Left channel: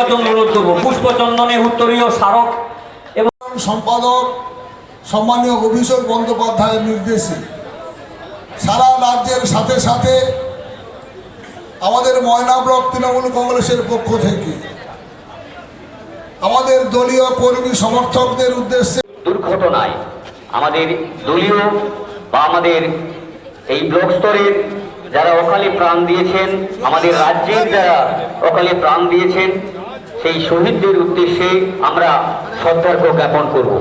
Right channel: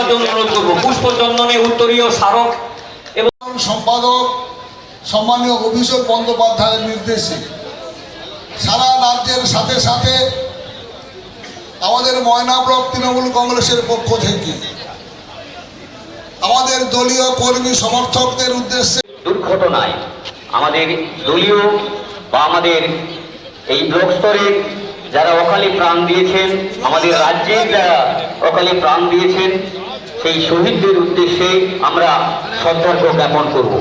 দেওয়ার জন্য অনুরোধ করব। পুষ্পচন্দনে উত্তরীয় স্মারক এবং সম্পাদক সম্মানীয় অভিষেক বন্দ্যোপাধ্যায়ের নির্দেশে সারা রাজ্যের সাথে সাথে আমাদের ময়না ব্লক তৃণমূল কংগ্রেসের পক্ষ থেকে আমাদের দলীয় কর্মী সমর্থকদের উদ্দেশ্যে দুর্ঘটনায় আমাদের দলীয় বা আমাদের এই ব্লক স্তরের যারা অকালে প্রাণ দিয়েছেন আমাদের রাজ্যের যারা অকালে প্রাণ দিয়েছেন সেই শহীদদের উদ্দেশ্যে আমরা সতর্ক জ্ঞাপন করব।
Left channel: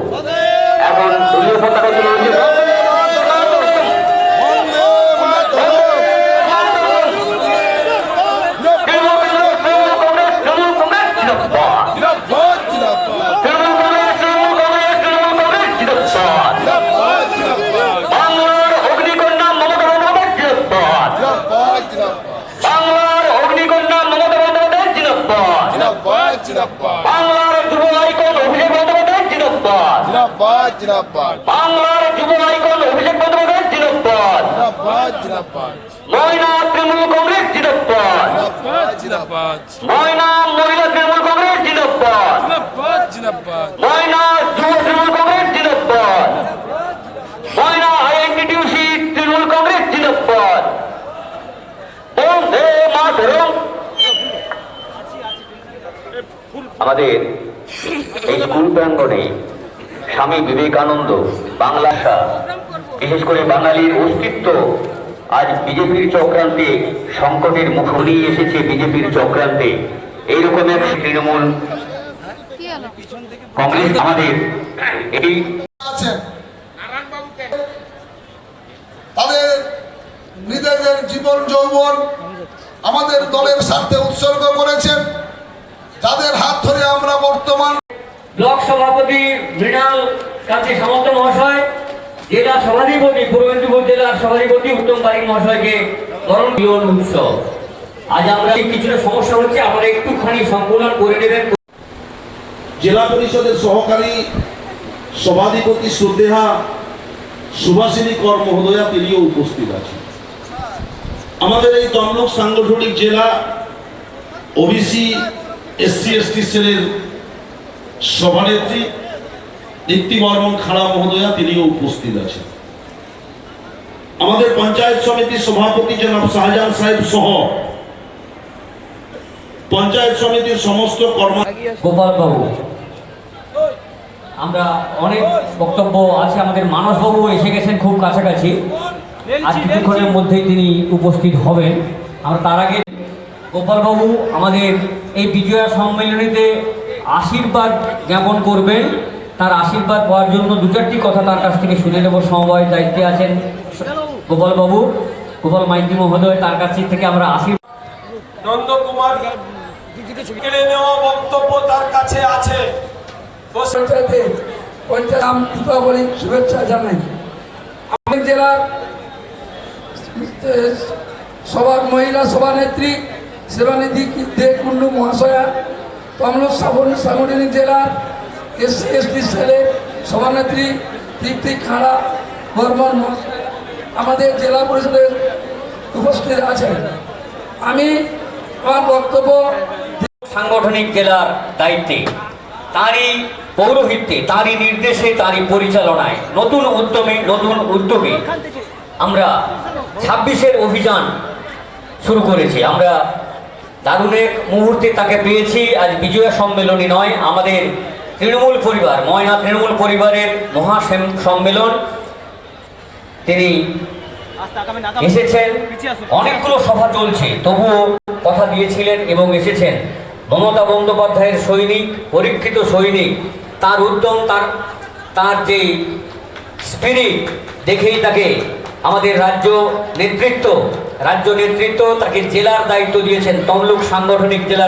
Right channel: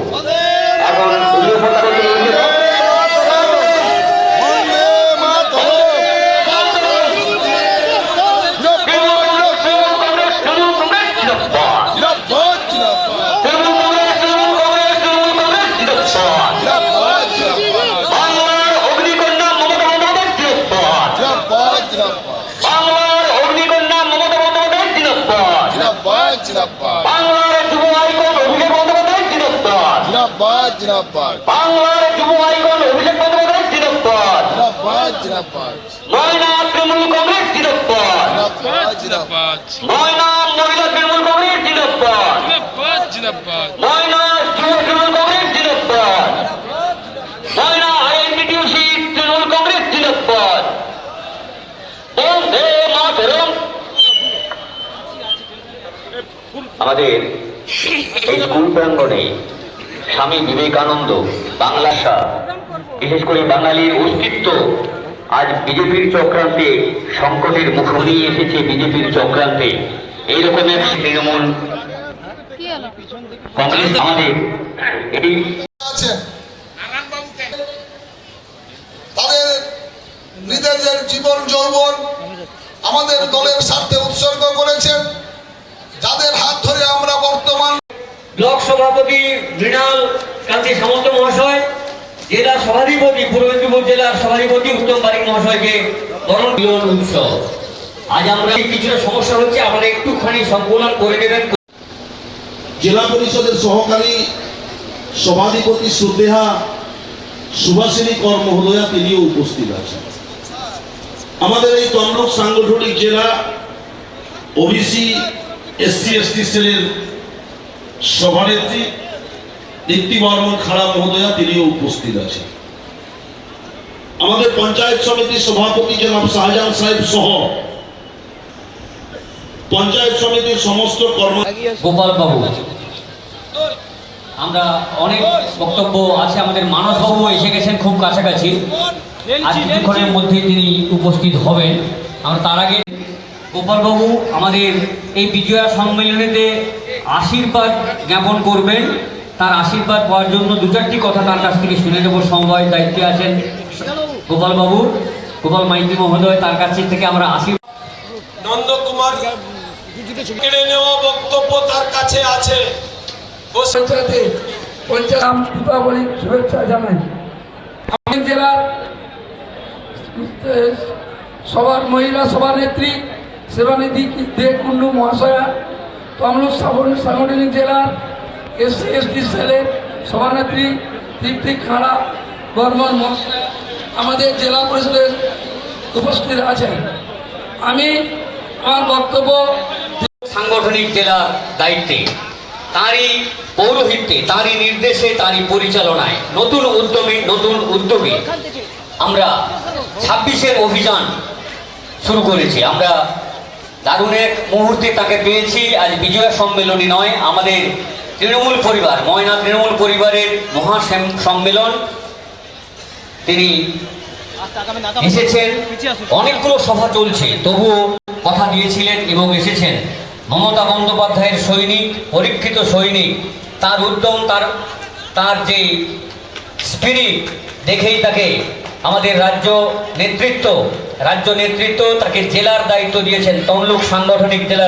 এখন জিন্দাবাদ বাংলার যুব আইকন অভিষেক বন্দ্যোপাধ্যায় জিন্দাবাদ বাংলার যুব আইকন অভিষেক বন্দ্যোপাধ্যায় জিন্দাবাদ ময়না তৃণমূল কংগ্রেস জিন্দাবাদ ময়না মহিলা তৃণমূল কংগ্রেস জিন্দাবাদ ময়না যুব তৃণমূল কংগ্রেস জিন্দাবাদ ময়না আইএনটিটিউসি তৃণমূল কংগ্রেস জিন্দাবাদ বন্দে আমাদের এই স্কুল প্রাঙ্গনে স্বামী বিবেকানন্দ বাংলা বিশেষ করে বাঙালির অস্তিত্ব, আজ বিজেপির চক্রান্তে সংকটের মুখ এসেছে বিজেপির চক্রান্তে। এইরকম এক তৃণমূল কংগ্রেস আমাদের। এটি তাদের নিজেদের জীবন যৌবন আমাদের দলের ব্লক সভাপতি মৃণাল কান্তি সামন্ত মহাশয়, জেলা সভাধিপতি, পূর্ব মেদিনীপুর জেলার সভাধিপতি উত্তম বারিক মহাশয়কে বরণ মিলন উৎসব। আজ আমরা কিছুটা সমস্যা হচ্ছে আমরা একটুখানি সংকলন করে দেবেন জেলা পরিষদের সহকারী সভাধিপতি শ্রদ্ধেহা সুভাষিনী কর মহোদয়া তিনিও উপস্থিত আছেন। আমাদের এই তমলুক সাংগঠনিক জেলা ওবিসি, এসসি, এসটি সেলের সভানেত্রী দীপ্তি বর্মন খাড়া মহোদয়া তিনিও উপস্থিত আছেন। আমাদের পঞ্চায়েত সমিতির সভাপতি জনাব শাহজাহান সাহেব সহ পঞ্চায়েত সমিতির সমস্ত কর্ম আমরা অনেক বক্তব্য আছে, আমাদের মানস বাবু এসে গেছেন খুব কাছাকাছি। আর কিছুক্ষণের মধ্যেই তিনি উপস্থিত হবেন। আমরা তার আগে গোপাল বাবু আমাদের এই বিজয়া সম্মেলনীতে আশীর্বাদ জ্ঞাপন করবেন। তার আশীর্বাদ পাওয়ার জন্য দু চারটি কথা তার কাছ থেকে শুনে নেব। সমবায় দায়িত্বে আছেন গোপাল বাবু গোপাল মাইতি মহোদয় তার কাছ থেকে আমরা আশীর্বাদ নন্দকুমার কেড়ে নেওয়া বক্তব্য তার কাছে আছে। বসে পঞ্চায়েতে পঞ্চায়েত নাম দীপাবলি শুভেচ্ছা জানাই। আমাদের জেলার সবার মহিলা সভানেত্রী সেবানিধি দে কুন্ডু মহাশয়া সাংগঠনিক জেলার এসসি, এসটি সেলের সভানেত্রী দীপ্তি খাড়া, বর্মন আমাদের জেলা পরিষদের উপস্থিত আছেন। আমি আমার বক্তব্য সাংগঠনিক জেলার দায়িত্বে। তারই পৌরোহিত্যে, তারই নির্দেশে, তারই পরিচালনায়, নতুন উদ্যমে, নতুন উদ্যোগে আমরা ছাব্বিশের অভিযান শুরু করেছি। আমরা দারুণ এক মুহূর্তে তাকে পেয়েছি। আজ বিজয়া সম্মেলনী নয়, আমাদের তৃণমূল পরিবার, ময়না তৃণমূল পরিবারের মহা সম্মেলন। তিনি এসেছেন। অনেকগুলো সভা চলছে, তবুও কথা দিয়েছিলেন এবং এসেছেন। মমতা বন্দ্যোপাধ্যায়ের সৈনিক, পরীক্ষিত সৈনিক, তার উদ্যম, তার তার যে স্পিরিট দেখেই তাকে আমাদের রাজ্য নেতৃত্ব রাজ্য নেতৃত্ব তাকে জেলার দায়িত্ব দিয়েছেন তমলুক সাংগঠনিক জেলার